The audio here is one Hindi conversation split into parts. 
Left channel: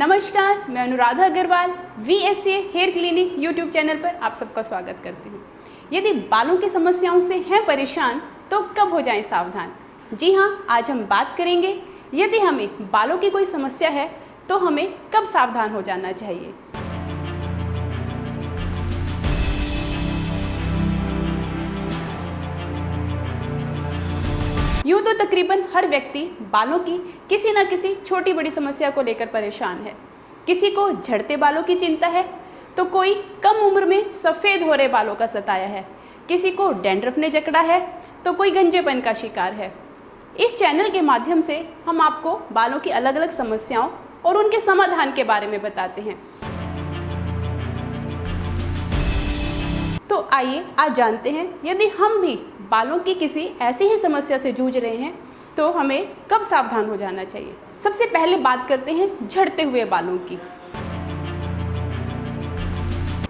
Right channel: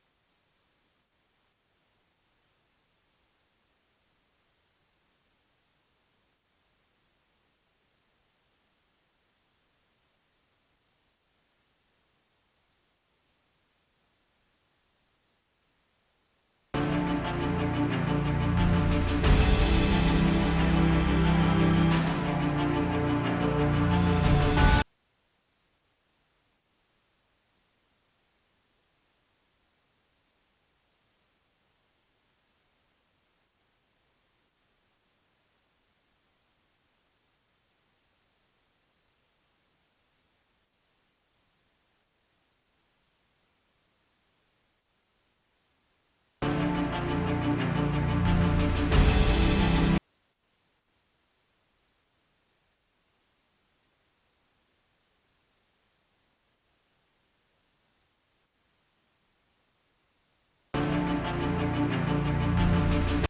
नमस्कार, मैं Anuradha Agarwal VSA hair clinic YouTube channel पर आप सबका स्वागत करती हूँ। यदि बालों की समस्याओं से हैं परेशान तो कब हो जाएं सावधान। जी हाँ, आज हम बात करेंगे यदि हमें बालों की कोई समस्या है तो हमें कब सावधान हो जाना चाहिए। यूँ तो तकरीबन हर व्यक्ति बालों की किसी न किसी छोटी बड़ी समस्या को लेकर परेशान है। किसी को झड़ते बालों की चिंता है तो कोई कम उम्र में सफ़ेद हो रहे बालों का सताया है, किसी को डैंड्रफ ने जकड़ा है तो कोई गंजेपन का शिकार है। इस चैनल के माध्यम से हम आपको बालों की अलग अलग समस्याओं और उनके समाधान के बारे में बताते हैं। तो आइए आज जानते हैं यदि हम भी बालों की किसी ऐसी ही समस्या से जूझ रहे हैं तो हमें कब सावधान हो जाना चाहिए। सबसे पहले बात करते हैं झड़ते हुए बालों की।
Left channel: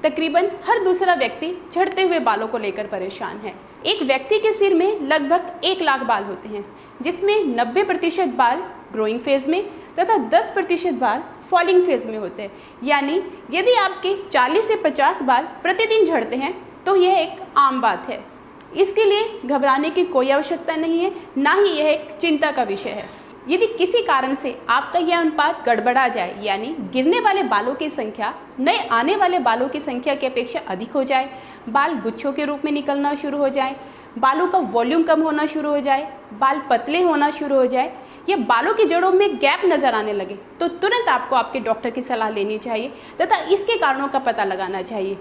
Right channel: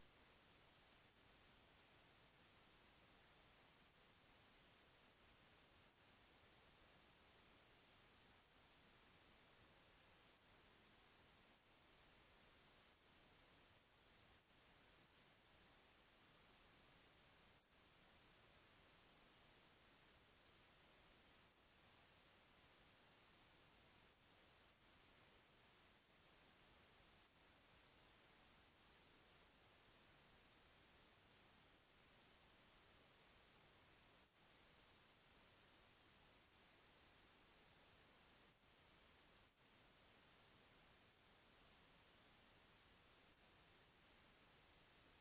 तकरीबन हर दूसरा व्यक्ति झड़ते हुए बालों को लेकर परेशान है। एक व्यक्ति के सिर में लगभग 1 लाख बाल होते हैं, जिसमें 90% बाल ग्रोइंग फेज में तथा 10% बाल फॉलिंग फेज में होते हैं। यानी यदि आपके 40 से 50 बाल प्रतिदिन झड़ते हैं तो यह एक आम बात है। इसके लिए घबराने की कोई आवश्यकता नहीं है, ना ही यह एक चिंता का विषय है। यदि किसी कारण से आपका यह अनुपात गड़बड़ा जाए, यानी गिरने वाले बालों की संख्या नए आने वाले बालों की संख्या की अपेक्षा अधिक हो जाए, बाल गुच्छों के रूप में निकलना शुरू हो जाए, बालों का वॉल्यूम कम होना शुरू हो जाए, बाल पतले होना शुरू हो जाए या बालों की जड़ों में गैप नजर आने लगे, तो तुरंत आपको आपके डॉक्टर की सलाह लेनी चाहिए तथा इसके कारणों का पता लगाना चाहिए।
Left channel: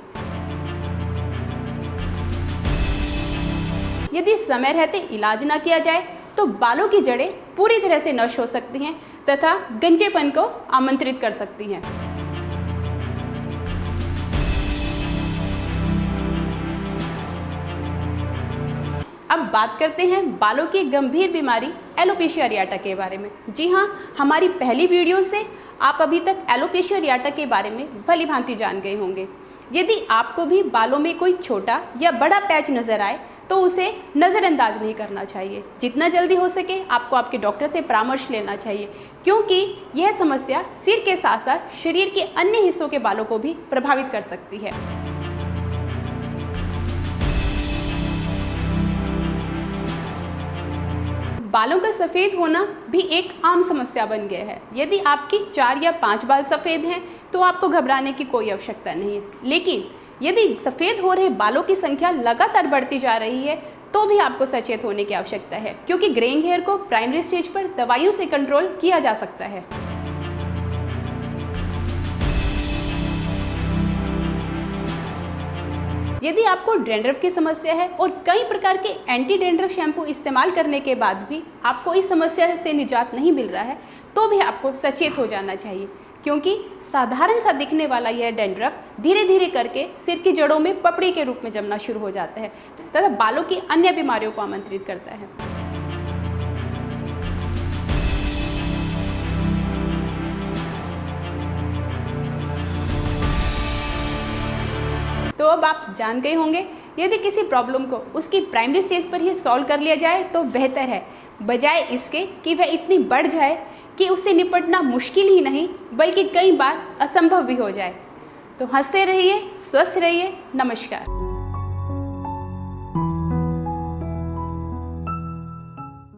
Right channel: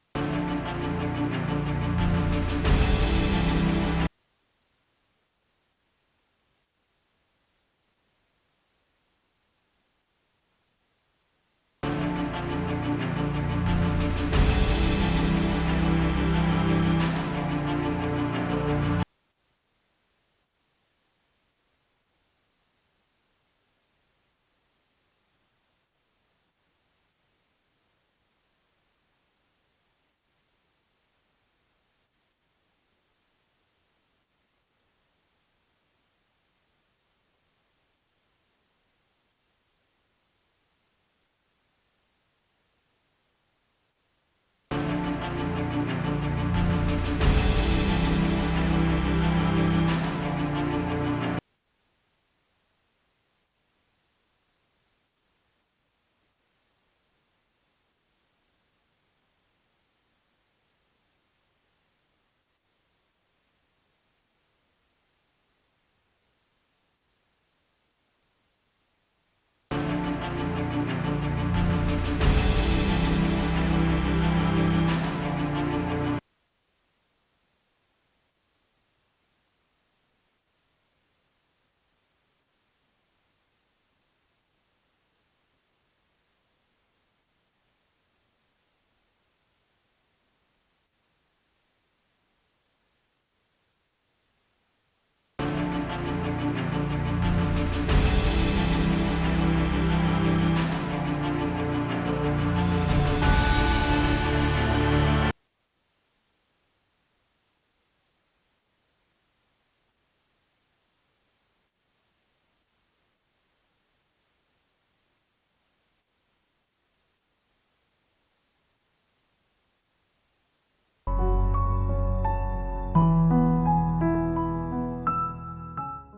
यदि समय रहते इलाज ना किया जाए तो बालों की जड़ें पूरी तरह से नष्ट हो सकती हैं तथा गंजेपन को आमंत्रित कर सकती हैं। अब बात करते हैं बालों की गंभीर बीमारी एलोपेशिया अरियाटा के बारे में। जी हाँ, हमारी पहली वीडियो से आप अभी तक एलोपेशिया अरियाटा के बारे में भली भांति जान गए होंगे। यदि आपको भी बालों में कोई छोटा या बड़ा पैच नजर आए तो उसे नज़रअंदाज नहीं करना चाहिए। जितना जल्दी हो सके आपको आपके डॉक्टर से परामर्श लेना चाहिए, क्योंकि यह समस्या सिर के साथ साथ शरीर के अन्य हिस्सों के बालों को भी प्रभावित कर सकती है। बालों का सफ़ेद होना भी एक आम समस्या बन गया है। यदि आपकी 4 या 5 बाल सफ़ेद हैं तो आपको घबराने की कोई आवश्यकता नहीं है, लेकिन यदि सफ़ेद हो रहे बालों की संख्या लगातार बढ़ती जा रही है तो भी आपको सचेत होने की आवश्यकता है, क्योंकि ग्रेइंग हेयर को प्राइमरी स्टेज पर दवाइयों से कंट्रोल किया जा सकता है। यदि आपको डैंड्रफ की समस्या है और कई प्रकार के एंटी डैंड्रफ शैम्पू इस्तेमाल करने के बाद भी आपको इस समस्या से निजात नहीं मिल रहा है तो भी आपको सचेत हो जाना चाहिए, क्योंकि साधारण सा दिखने वाला यह डैंड्रफ धीरे धीरे करके सिर की जड़ों में पपड़ी के रूप में जमना शुरू हो जाता है तथा बालों की अन्य बीमारियों को आमंत्रित करता है। तो अब आप जान गए होंगे, यदि किसी प्रॉब्लम को उसकी प्राइमरी स्टेज पर ही सॉल्व कर लिया जाए तो बेहतर है, बजाय इसके कि वह इतनी बढ़ जाए कि उससे निपटना मुश्किल ही नहीं बल्कि कई बार असंभव भी हो जाए। तो हंसते रहिए, स्वस्थ रहिए। नमस्कार।